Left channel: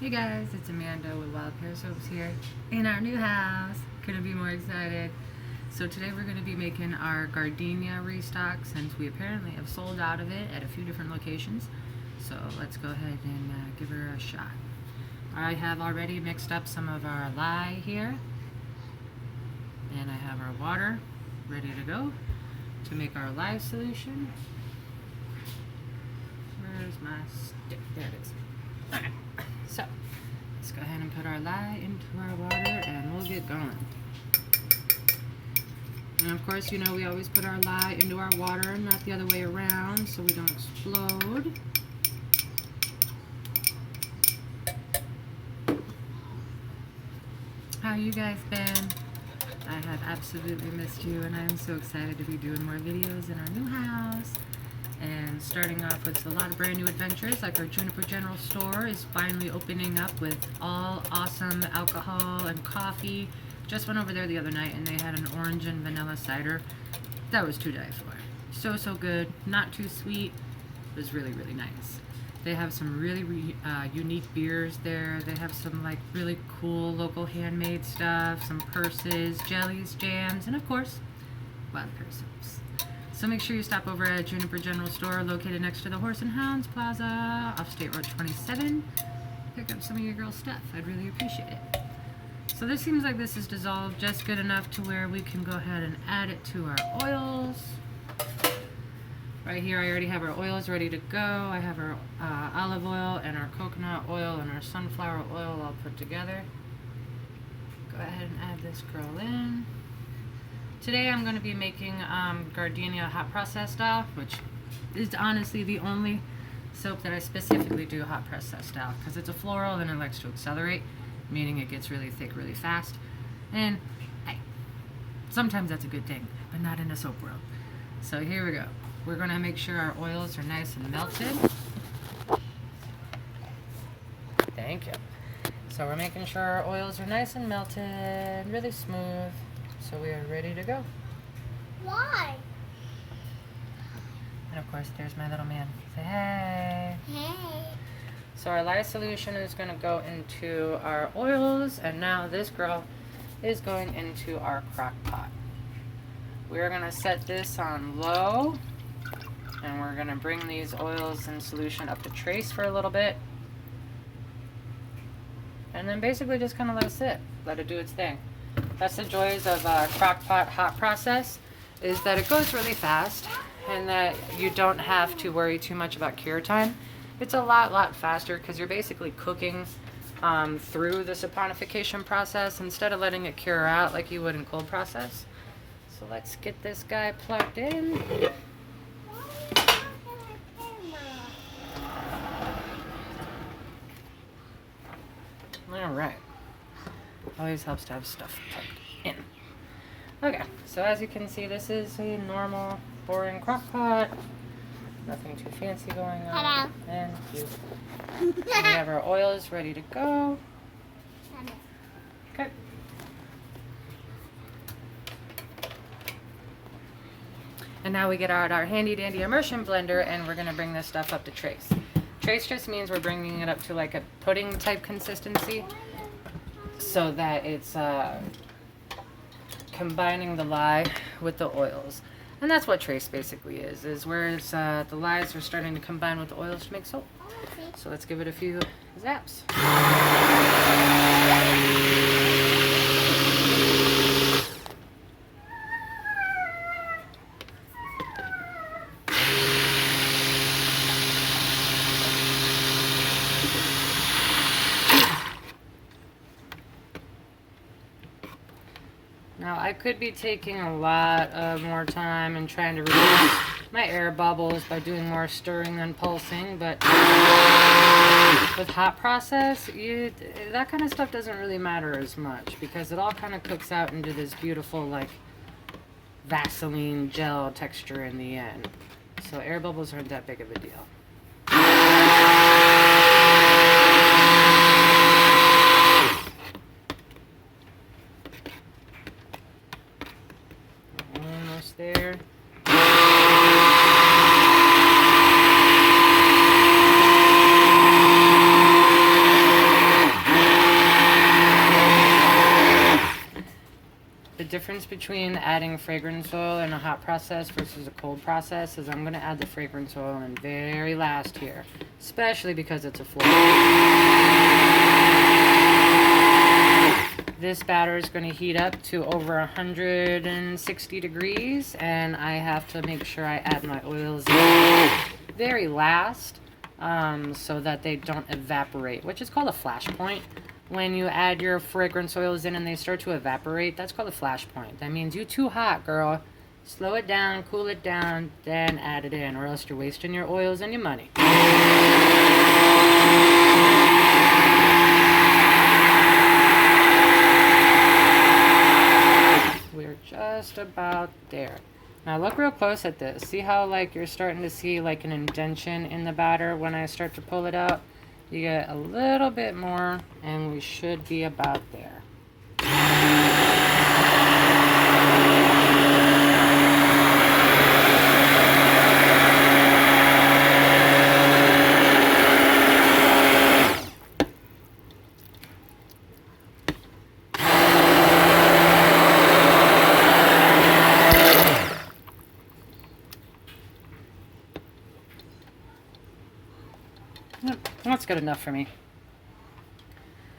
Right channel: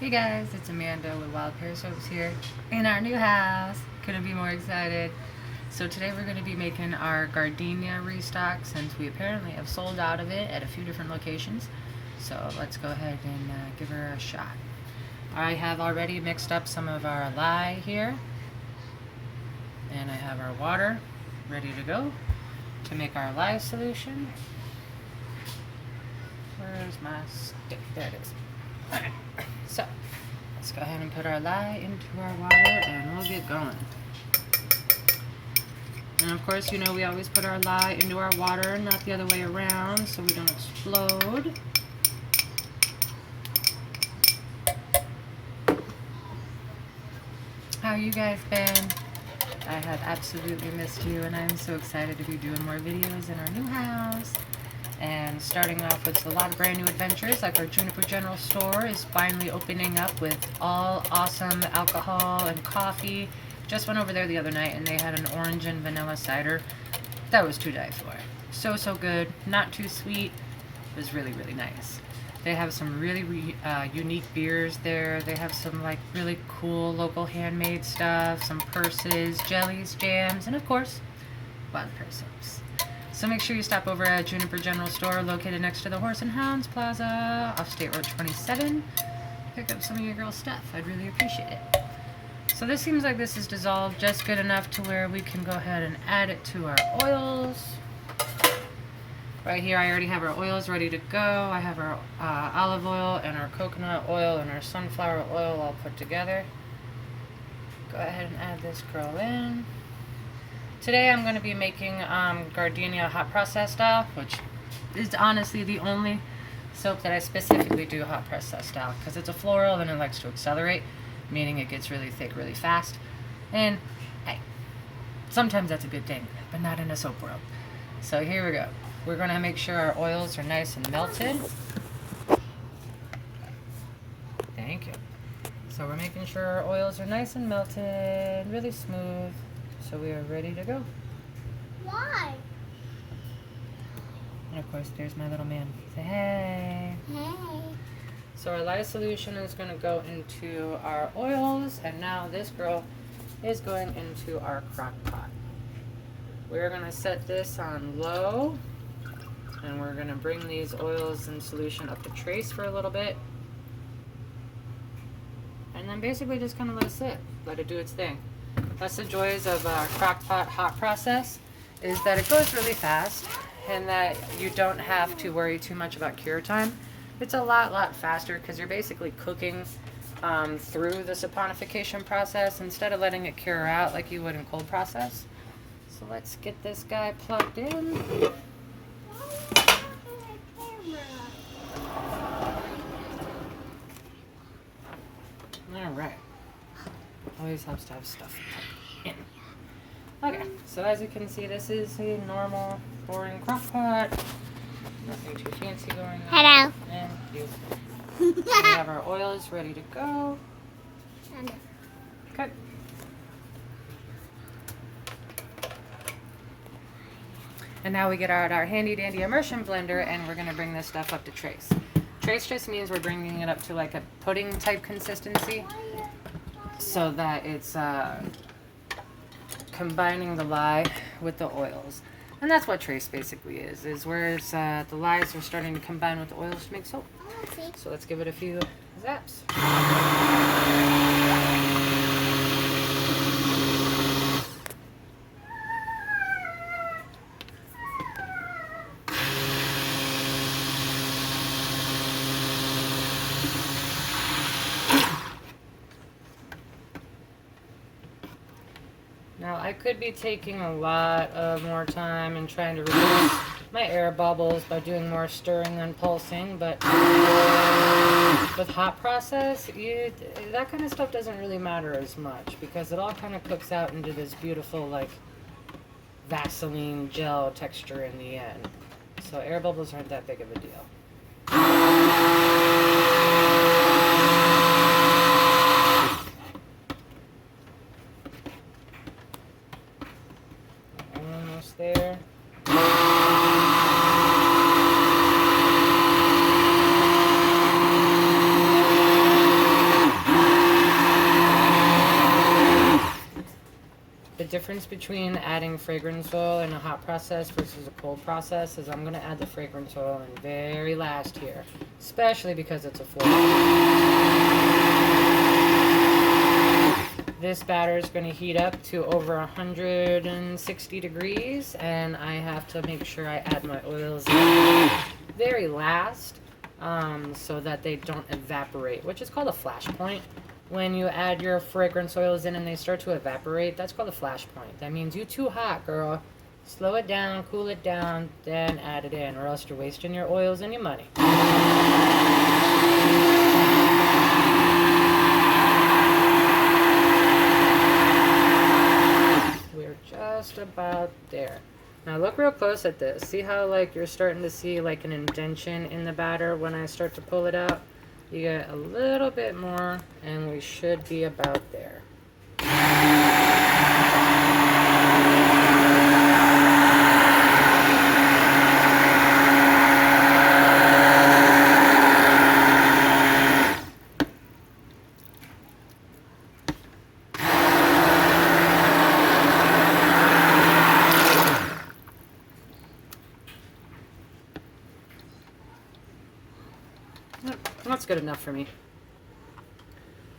Hey guys, it's Amanda with Wild Pear Soaps here in our new house. Couldn't be more excited. So today we're going to be making our Gardenia restock since we apparently have sold out of it at a few different locations. So let's go ahead and give her a shot. I have already mixed up some of our lye here. And I have our water ready to go to make our lye solution. Where's my stick? There it is. Alright, so let's go ahead and put our lye into our water and we'll get going. And of course, you know we always put our lye into our water, not the other way around, so we don't explode. How you guys been? I have absolutely missed you, and I'm so excited to be doing more videos in our new house. And starting off with a lot of brand new adventures, like our Juniper General Store is finally opening up with all awesome alcohol and coffee. Just went over there the other night and they had an orange and vanilla cider. That was to die for. So good, not too sweet. It was really nice. They have some really unique beers there. They have some like really cool local handmade stuff, some purses, jellies, jams, and of course, Wild Pear Soaps. So make sure you stop over at Juniper General Store, located next to the Horse and Hounds Plaza off State Road 27. Pick up some of your girls' stuff. I'd really appreciate it. So this seems like this is dissolved just good enough to where we can go ahead and add it to our oils. Right here I already have our oils ready to go. I have our olive oil and our coconut oil and our sunflower oil all put together. Go ahead and add this girl in. Today I'm going to be making Gardenia Hot Process style, which is honestly the only soap that I specifically do hot process style, because it's a floral and it likes to accelerate, meaning it gets really thick really fast. And hey, sometimes that's a good thing, but not in a soap world. So here we go. We're going to make sure our oils are nice and melted. Thank you. So we're making sure our oils are nice and melted, really smooth. So we are ready to go. Why? And of course, there's my little man. Say hey. Hey. So our lye solution is going to go into our oils, and now this girl is going into our crock pot. We're going to set this on low, and we're going to bring these oils and solution up to trace for a little bit. And then basically just kind of let it sit, let it do its thing. That's the joys of crock pot hot process, is that it goes really fast and that you don't have to worry too much about cure time. It's a lot faster because you're basically cooking through the saponification process instead of letting it cure out like you would in cold process. So let's get this guy plugged in. All right. Always helps to have stuff plugged in. Okay, so as you can see, this is a normal, boring crock pot. Nothing too fancy going on. Hello. And you. We have our oils ready to go. Okay. And now we get out our handy dandy immersion blender, and we're going to bring this stuff up to trace. Trace just means we're bringing it up to like a pudding type consistency, so that it's combining the lye with the oils. And that's what trace basically is where the lyes are starting to combine with the oils to make soap. So let's give it a few zaps. Now I could be taking a lot of more time and trying to reduce my air bubbles by doing more stirring than pulsing, but with hot process, that kind of stuff doesn't really matter as much because it all kind of cooks out into this beautiful like Vaseline gel texture in the end. So air bubbles aren't that big of a deal. Almost there. difference between adding fragrance oil in a hot process versus a cold process is I'm going to add the fragrance oil in very last here, especially because it's a floor. This batter is going to heat up to over 160 degrees, and I have to make sure I add my oils very last so that they don't evaporate, which is called a flash point. When you add your fragrance oils in and they start to evaporate, that's called a flash point. That means you too hot, girl. Slow it down, cool it down, then add it in, or else you're wasting your oils and your money. We're just about there. Now look real close at this. See how like you're starting to see like an indentation in the batter when I start to pull it out? You get a little bit more and we should be about there. Yep, that's good enough for me.